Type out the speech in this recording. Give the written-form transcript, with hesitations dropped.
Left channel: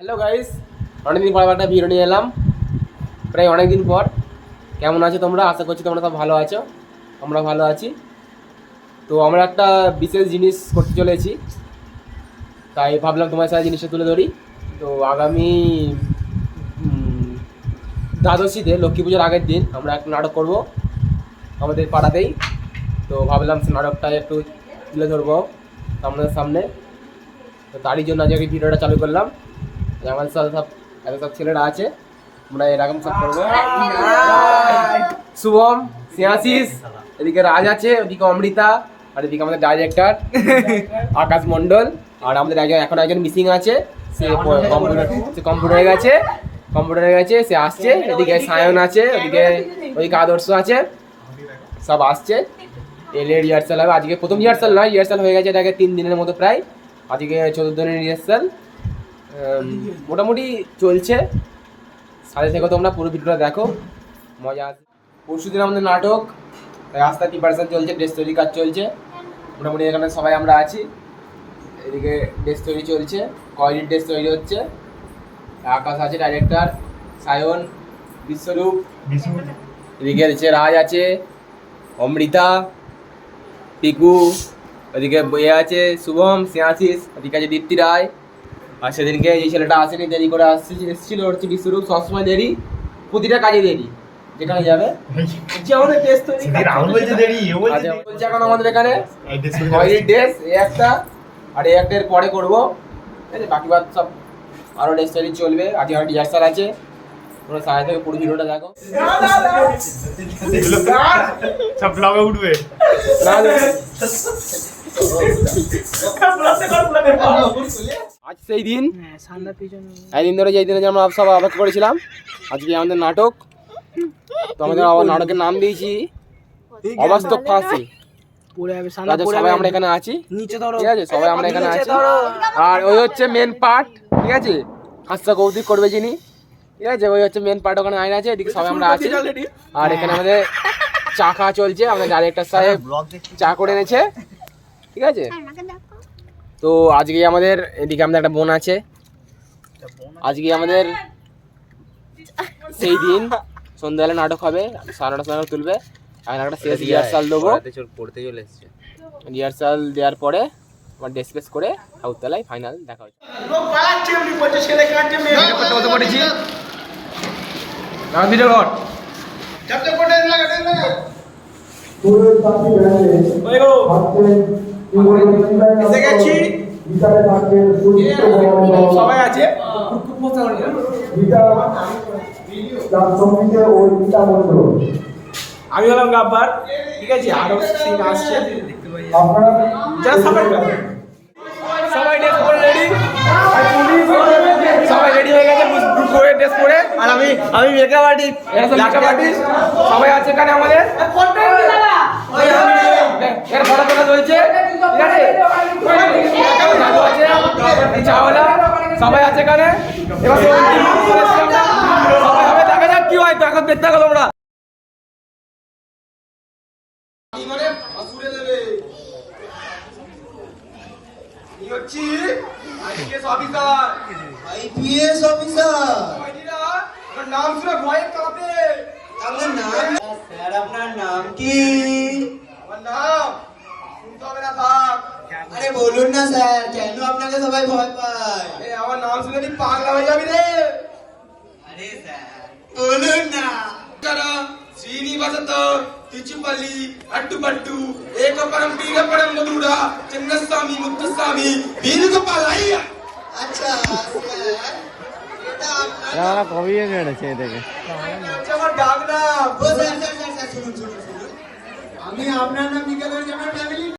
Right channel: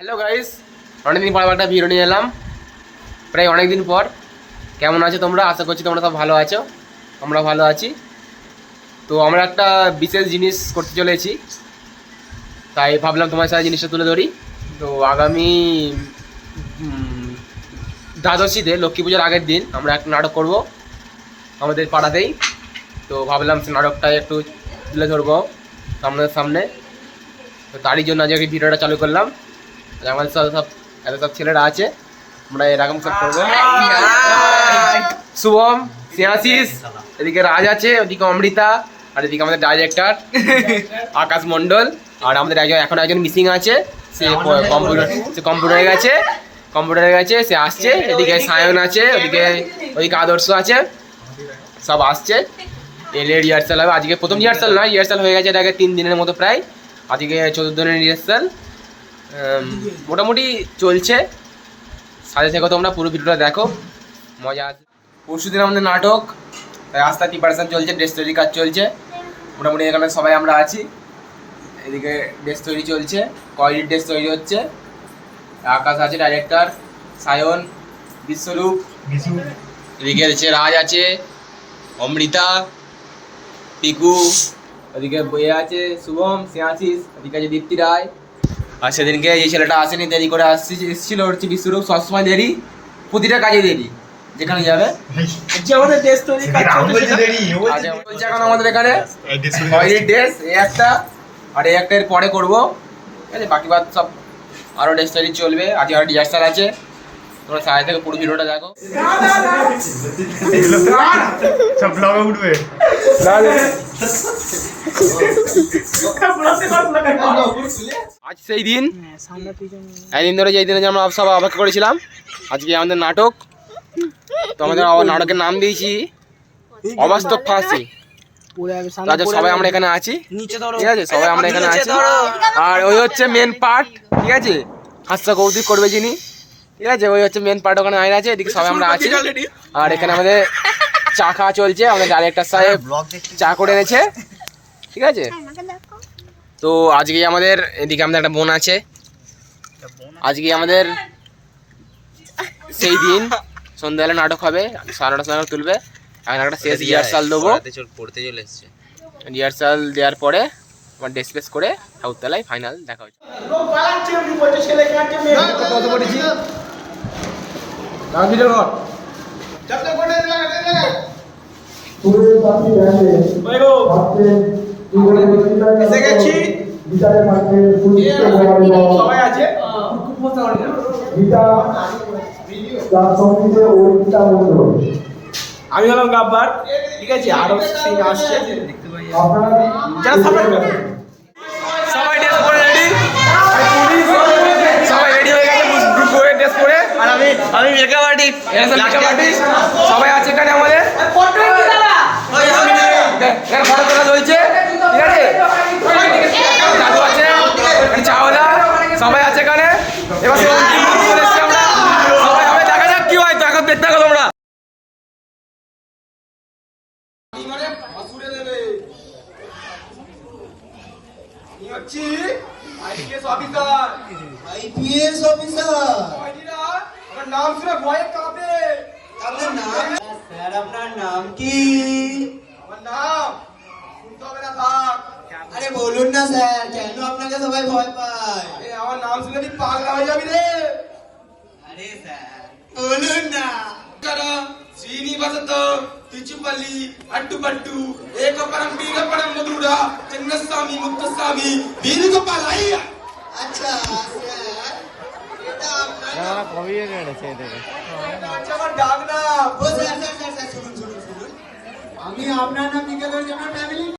Hello guys, অনেকদিন পর একটা ভিডিও নিয়ে এলাম। প্রায় অনেকদিন পর। কেমন আছো তোমরা? আশা করছি তোমরা সব ভালো আছো। আমরা ভালো আছি। তো আমরা একটা বিশেষ জিনিস করতে চলেছি, তাই ভাবলাম তোমার সাথে জিনিসটা তুলে ধরি। তো আগামী দ্বাদশীতে, লক্ষ্মী পুজোর আগের দিন, আমরা একটা নাটক করব আমাদের পাড়াতেই। তো ভাবলাম সে নাটকটা একটু তুলে ধরবো আপনাদের সামনে। তো তারই জন্য আজকে ভিডিওটা চালু করলাম। আমাদের সাথে সব ছেলেরা আছে, আমরা এরকম সব করবো। শুভম, স্নেহাশিস, এদিকে রাজ আছে, ওদিকে অমৃতা, আর এদিকে আমাদের ডাইরেক্টর আকাশ মণ্ডল। আর আমাদের এখন একজন মিসিং আছে, সে কম্পিউটারে গেছে, সে আসছে। এদিকে সায়ন আছে, ওদিকে আদর্শ আছে, সব আসছে। এলে রিহার্সাল হবে আজকে। প্রথম রিহার্সাল নয়, রিহার্সাল হয়ে গেছে এটাকে 3 দিনের মতো প্রায়। আজকে 14 দিনের রিহার্সাল মোটামুটি চলছে। সাথে থেকে তোমরা পুরো ভিডিওটা দেখো, মজা আছে। পরশু দিন আমাদের নাটক, তাই আস্তে প্রিপারেশন চলছে, ড্রেস তৈরি কাজ চলছে। মোটামুটি এখানে সবাই আমরা আছি। এদিকে ড্রেস তৈরি চলছে, কোয়ালিটির ড্রেস তৈরি হচ্ছে। আকাশ আছে ডাইরেক্টর, সায়ন, বিশ্বরূপ, এদিকে রাজ আছে, অমৃতা, পিকু, ওদিকে বইয়ে আছে শুভম, স্নেহাশিস, ওদিকে আছে দীপ্তি রায়। আর সেদিনকে এই ছেলেটা আসেনি, দেরি করে এসেছিল, হচ্ছে বিশ্বরূপ। সবসময় দেরি, প্রতিটা কাজে দেরি, যেখানে যাবে। আমাদের ড্রেস তৈরি চলছে এখন আমাদের এখানে। ড্রেস এই একটা, আর এই একটা এর পরে করবো, ঠিক আছে? বাকি বাদ সব আরও ড্রেস তৈরি চলবে। আজকে আর রিহার্সাল আছে, তোমরা সাথে থেকে পুরো ভিডিওটা দেখো। সব ব্লগে উঠবে। আজ সেই দিন, একদিন ধরে যেই দিনে আমরা সব অপেক্ষা করেছিলাম, আজকে আমাদের নাটক। তো আমাদের নাটকের নাম দিয়েছি অবাস্তব ফাঁসি। সবাই আমরা এখানে আছি, ঠিক আছে? সবাই আমরা এখানে আছি। আর ওই হচ্ছে মেন পার্ট, ঠিক আছে? হাস্য কৌতুক করবে যিনি, ঠিক আছে? ওই হচ্ছে মেন পার্ট, ওখানে আইন আছে। এদিকে সবাই আমরা আছি। আর এখানে আমাদের চা খাওয়া চলছে। আমাদের ডাইরেক্টর সাহেব চা করে এনেছে, ঠিক আছে? তো আজকে আমাদের এদিকে আমাদের একটা বোন আছে। আজকে আমাদের সেই দিন সন্ধ্যাবেলা নাটক হবে, 9:30 সময় তুলবে। এখন একটা শেষ রিহার্সাল দেবো। পড়তে চলে এসছে। রিহার্সাল দেওয়ার পরে আমার ড্রেস ফেস করে ঠাকুরতলায় ফাইনাল দেখা হচ্ছে। আমি হলাম গাব্বার, ঠিক আছে? আরো সিং আসছে, সবাই ড্রেস পরে রেডি, সবাই রেডি হয়ে গেছে গ্রুপ করে ড্রেস পরে। আর আমি মেকআপ আর্টিস্ট, সবাই আছে এখানে আমাদের। চলছে, ঠিক আছে? সবাই আছে এখানে। এবার সবাই হবে, দেখা যাক কি হয়। তো এখন দেখতে থাকো তোমরা। IPS officer. নাম শুনে ভয়ে কাঁপে। আপনার নাম? স্যার আপনার নাম কি? আমার নাম শুনতে হবে না, থাক। আরে বলুন না স্যার, কেন আপনাকে সবাই ভয় পায়? আরে আমার নাম শুনে তুই পাগলা হয়ে যাবি রে। আরে স্যার বলুন না। శ్రీనివాసతో తిచుపల్లి అట్టుపట్టు ఏకపరం బీగపరం మధురా చిన్నస్వామి ముక్తస్వామి వేణుగోపాల్ అయ్య। আচ্ছা স্যার, এটা আপনার আমার ডাক নাম। ও স্যার শুনুন। আমি আপনার নাম লিখে দেওয়ার জন্য ফ্যামিলি